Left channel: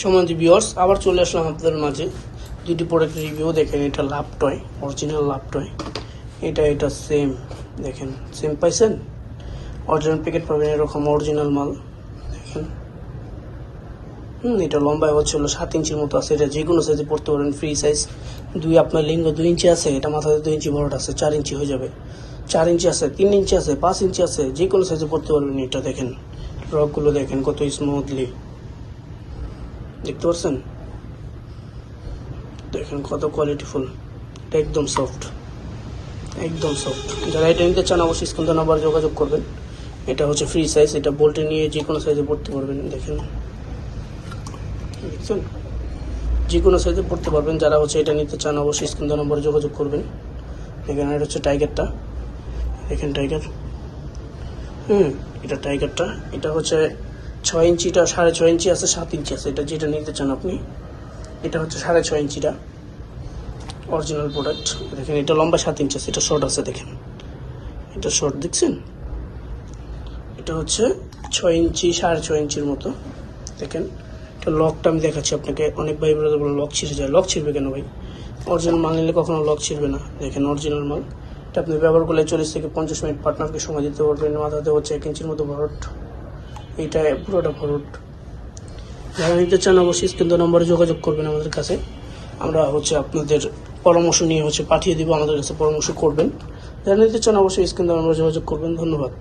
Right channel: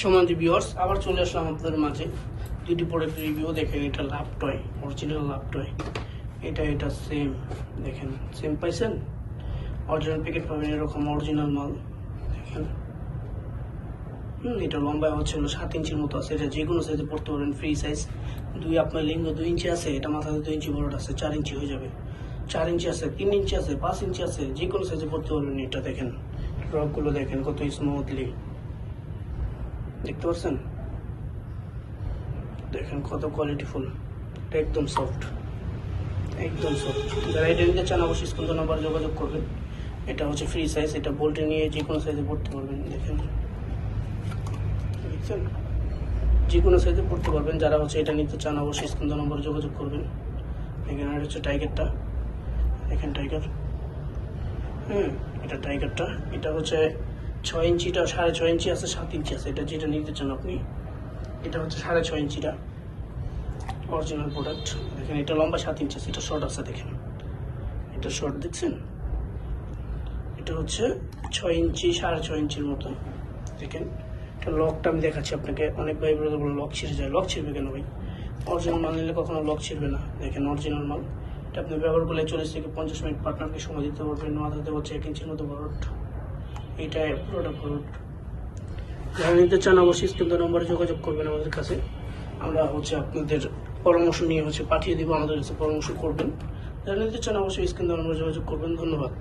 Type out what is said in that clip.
সম্মানিত ভিউয়ার্স, আবার চলে আসলাম আপনাদের মাঝে দুটি প্রোডাক্ট রিভিউ। দেখেন, এটা লাভ টয়, অরিজিনাল লাভ টয়। এটা সেম, দেখেন সেম পাইছেন, অরিজিনাল প্যাকেট পাবেন এরকম অরিজিনাল মাল। দেখেন, এটা লম্বায় হচ্ছে 7 ইঞ্চির মতো আছে। এটা যে কোনো সাইজে পড়তে পারবেন, ফ্রি সাইজ। আপনার লিঙ্গ 2 ইঞ্চি আছে, এটা মাথাতে 2 ইঞ্চি বড়টা আছে, 4 ইঞ্চি হয়ে যাবে। 4 ইঞ্চি আছে, 3 ইঞ্চি আছে, 5 ইঞ্চি আছে, যে কোনো সাইজে পড়তে পারবেন। এটা দেখেন, রকগুলো দেখেন কত স্মুথলি, দেখতে পাচ্ছেন? দেখেন কত কোয়ালিটিফুল, এটা একদম সফট, একদম সফট। যারা এটা নিতে চান অবশ্যই স্ক্রিন নাম্বার যোগাযোগ করবেন। এটা হচ্ছে ফ্রি সাইজ, এটা বোল্টে নিয়ে যে কোনো সাইজে পড়তে পারবেন। দেখেন, দেখছেন, যে কোনো সাইজে পড়তে পারবেন। যারা হচ্ছে এটা নিতে চান অবশ্যই স্ক্রিন নাম্বার যোগাযোগ করবেন। দেখেন, এটা হচ্ছে টাইগারটা, দেখেন টাইগার, এটা টাইগারটা। এটা হচ্ছে 6 ইঞ্চিটা, 6.5 ইঞ্চি আছে, 7 ইঞ্চি আছে, এটা যেটা নিতে চান আপনি। এটা হচ্ছে 6.5 ইঞ্চিটা অরিজিনাল প্রোডাক্ট। দেখেন, এটা লম্বা 7 ইঞ্চি আছে, এটা শর্ট আছে। দেখেন, এটা শর্ট, দেখছেন? এটা হচ্ছে 6 ইঞ্চি, 6.5 ইঞ্চির মতো। দেখেন, এটা লকটা আমি দেখাচ্ছি আপনাকে। অনেক ভাই বলে লক ছিঁড়ে যায়, লক ছিঁড়বে কেন ভাই? অরিজিনাল মাল নিলে কখনো লক ছিঁড়বে না। দেখেন, অরিজিনাল মাল। এটা আপনি ব্যবহার করলে 40 থেকে 50 মিনিট পার্টনারকে সময় দিতে পারবেন। মাথাতে হচ্ছে 1 ইঞ্চির মতো ভরট, এইটা পুরোটা ভরট। যারা নিতে চান অবশ্যই স্ক্রিন নম্বরে যোগাযোগ করবেন আমাদের কাছে। আমরা হচ্ছে আপনাদের পরামর্শ নিয়ে পাঠিয়ে দিব, আমাদের কাছে পরামর্শ করবেন। যারা নিতে চান অবশ্যই স্ক্রিন নম্বরে যোগাযোগ করবেন। ধন্যবাদ।